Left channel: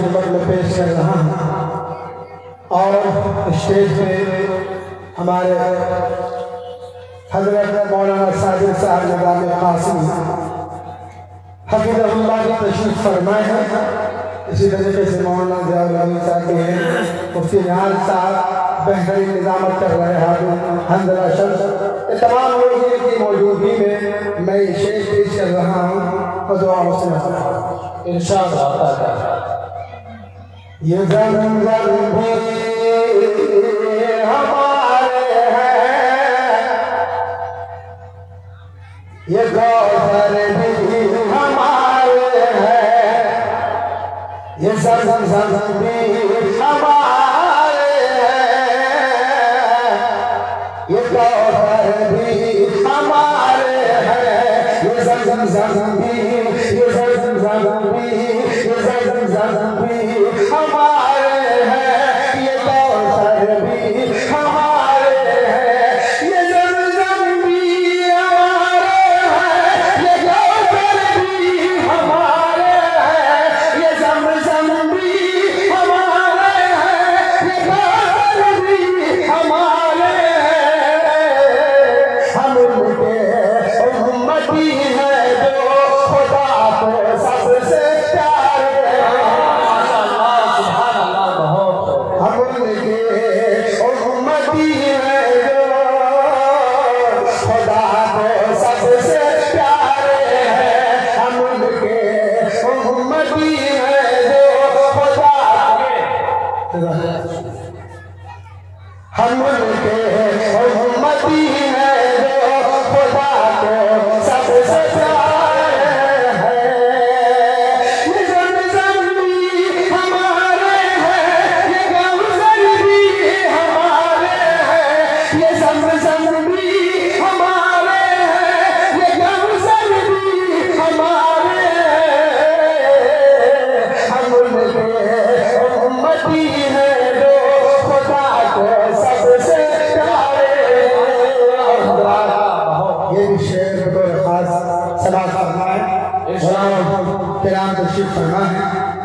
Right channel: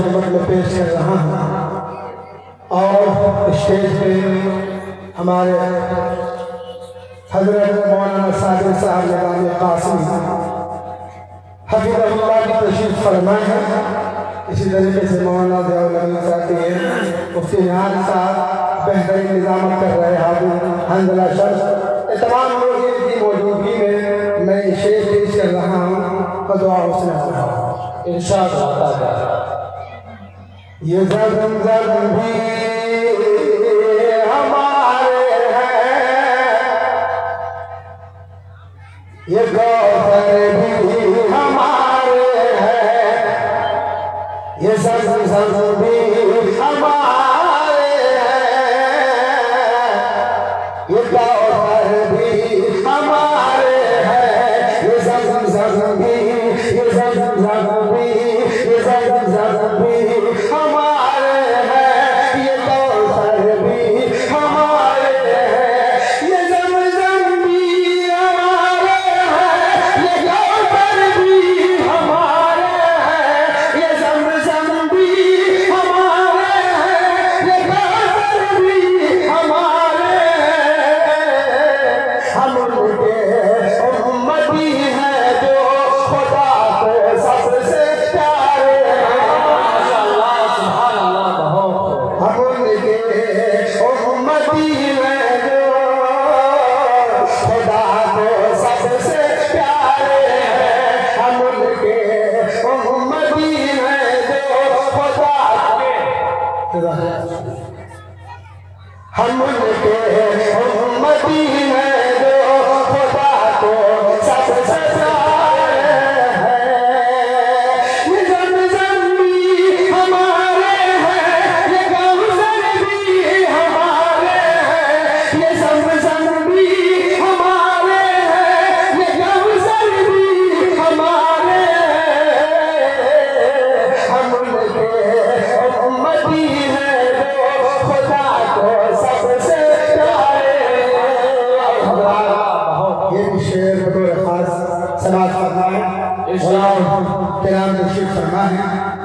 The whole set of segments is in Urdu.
خدمت میں پیش کر رہا ہوں اور اسٹیج پہ ہمارے حضرت مولانا صادق صاحب نظام قاسمی حفظ اللہ کی تشریف فرمائے ہیں. اسی طریقے سے مولانا ضیاء الحق صاحب بھی ہیں, مفتی نہال صاحب بہترین نظامت کر رہے ہیں, حمدللہ شمس. یہ تمام لوگ ان کی موجودگی میں یہ شعر پیش کر رہا ہوں اور دعا حسن انشاءاللہ. یہ زمزم بھی ہمارے ہیں, یہ کوثر بھی ہمارے ہیں, یہ زمزم بھی ہمارے ہیں, یہ کوثر بھی ہمارے ہیں, یہ زمزم بھی, یہ زمزم بھی, یہ زمزم بھی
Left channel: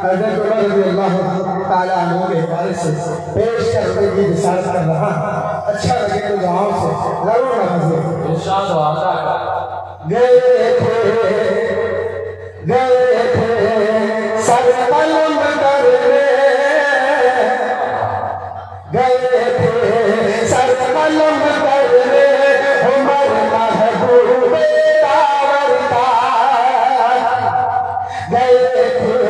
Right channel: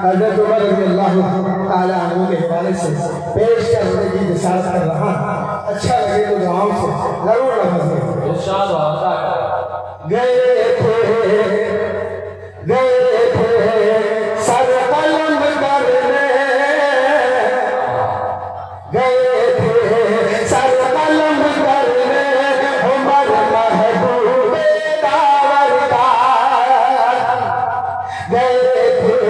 حضرت عمر رضی اللہ تعالیٰ عنہ کے حوالے سے پیش کرنے کی نصیحت کر رہا. اچھا لگے تو دعاؤں سے ضرور نوازیں. ارشاد ہوتا ہے گئے تھے سر قلم کرنے, گئے تھے سر قلم کرنے, عمر محبوب داور کا, گئے تھے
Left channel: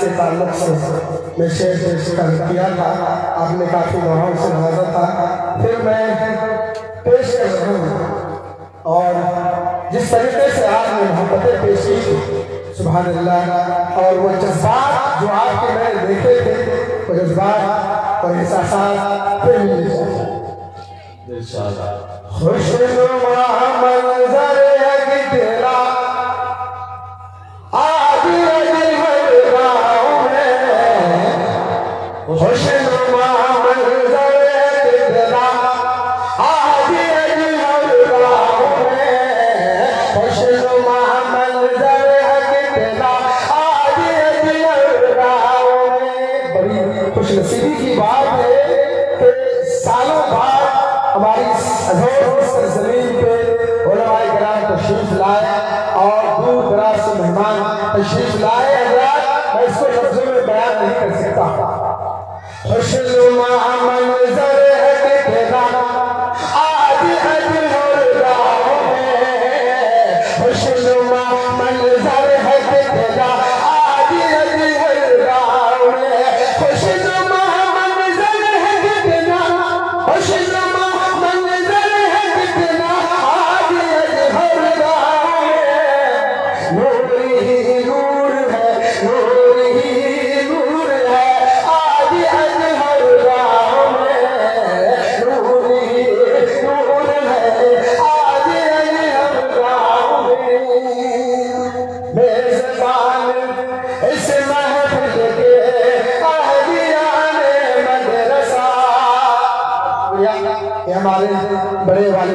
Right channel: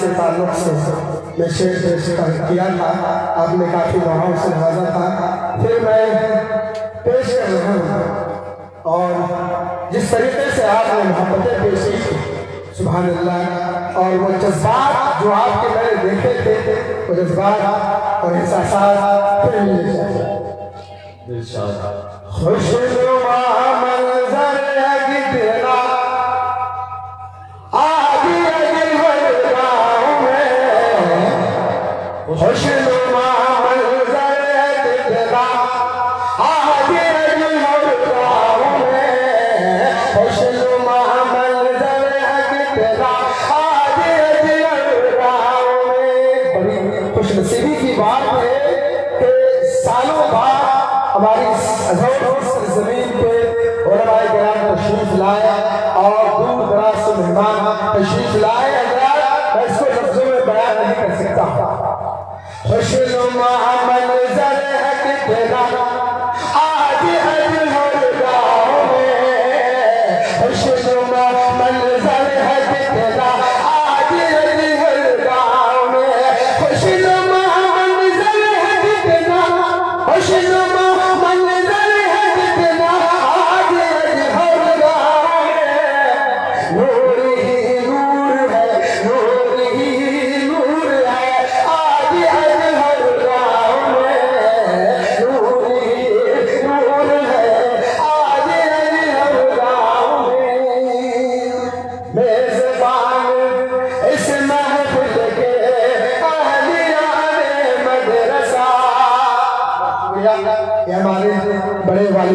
سے تعلق سے میں شعر پیش کیا تھا. آپ نے کافی دعاؤں سے نوازا تھا. پھر میں پیش کر رہا ہوں اور جس طریقے سے آپ نے محبتیں پیش کی تھی, سبحان اللہ, اور وہ جذبات جو آپ کے میں نے دیکھے تھے, وہ جذبات اور احساسات پھر ملے جائیں. خوشنما منظر ہے تیرا نصیبی کی بات ہے کہ سالوں بعد ہماری عظیم زمین پہ علماء کرام تشریف لائے اور دور دراز سے مہمان تشریف لائے. حضرات میں اس کو لفظوں میں بیان نہیں کر سکتا.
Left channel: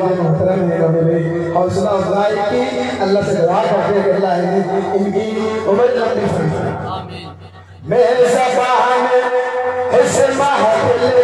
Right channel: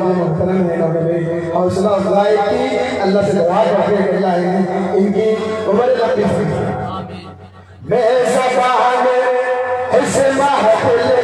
واحد محترم ہے نبی میری حوصلہ افزائی کی اللہ سے دعا کرتے ہیں کہ اللہ ان کی عمر لمبی فرمائے میں زبان حسن محفل